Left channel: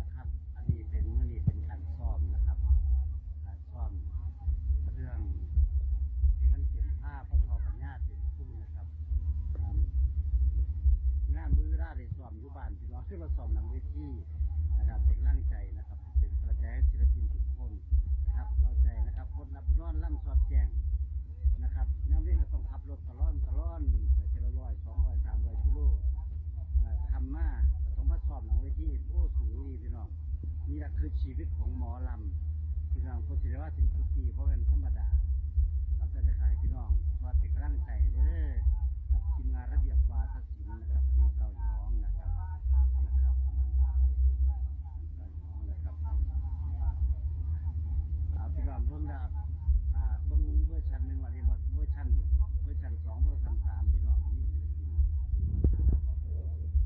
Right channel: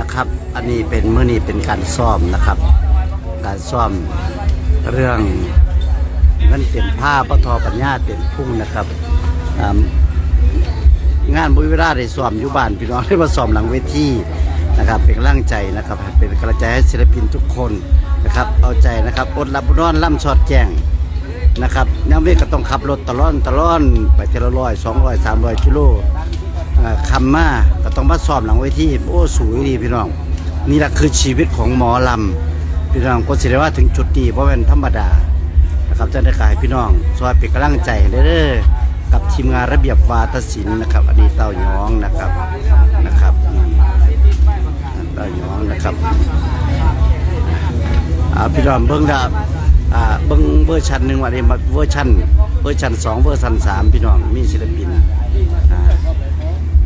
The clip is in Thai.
นะครับ อันนี้เป็นเมื่อนี้เป็นการซ่อมนะครับ การซ่อมเรื่องนั่นเป็นผ้าปะทอปัญญาเป็นพุ่งนะครับงานบุญเวลาได้ซ่อมอยู่บ้านพี่น้องได้มาซ่อมหลังเวทีนะครับ เป็นกำลังใจนะครับ เป็นกำลังใจให้ศิลปินทุกคนนะครับ เอาใจนะครับอดหลับอดนอนล่ำสอดแจงนะครับน้ำเวกก็ต้องขับรถตลอดตลอดไปเทละร้อยสองร้อยสามร้อยกิโล คำมาก็ต้องมาสอบหลังเวทีโอ้สวยดีพี่น้อง นี่แหละคือชีวิตของหมอลำพี่น้องก็สิได้ว่าถึงจุดนี้เพราะเป็นธรรมดานะครับจะได้ขายพี่น้องซอยเป็นกำลังใจเด้อๆกับทีมงานระเบียบวาทศิลป์นะครับอันนี้เต้าหยองนะครับนะครับเต้าหยองนะครับพี่น้องเบิ้งดาอ่าเบิ้งเวอร์ชันหนึ่งวันนี้มาเวอร์ชันเวอร์ชันสองเวอร์ชันสามพี่น้องมีศิลปิน Huh?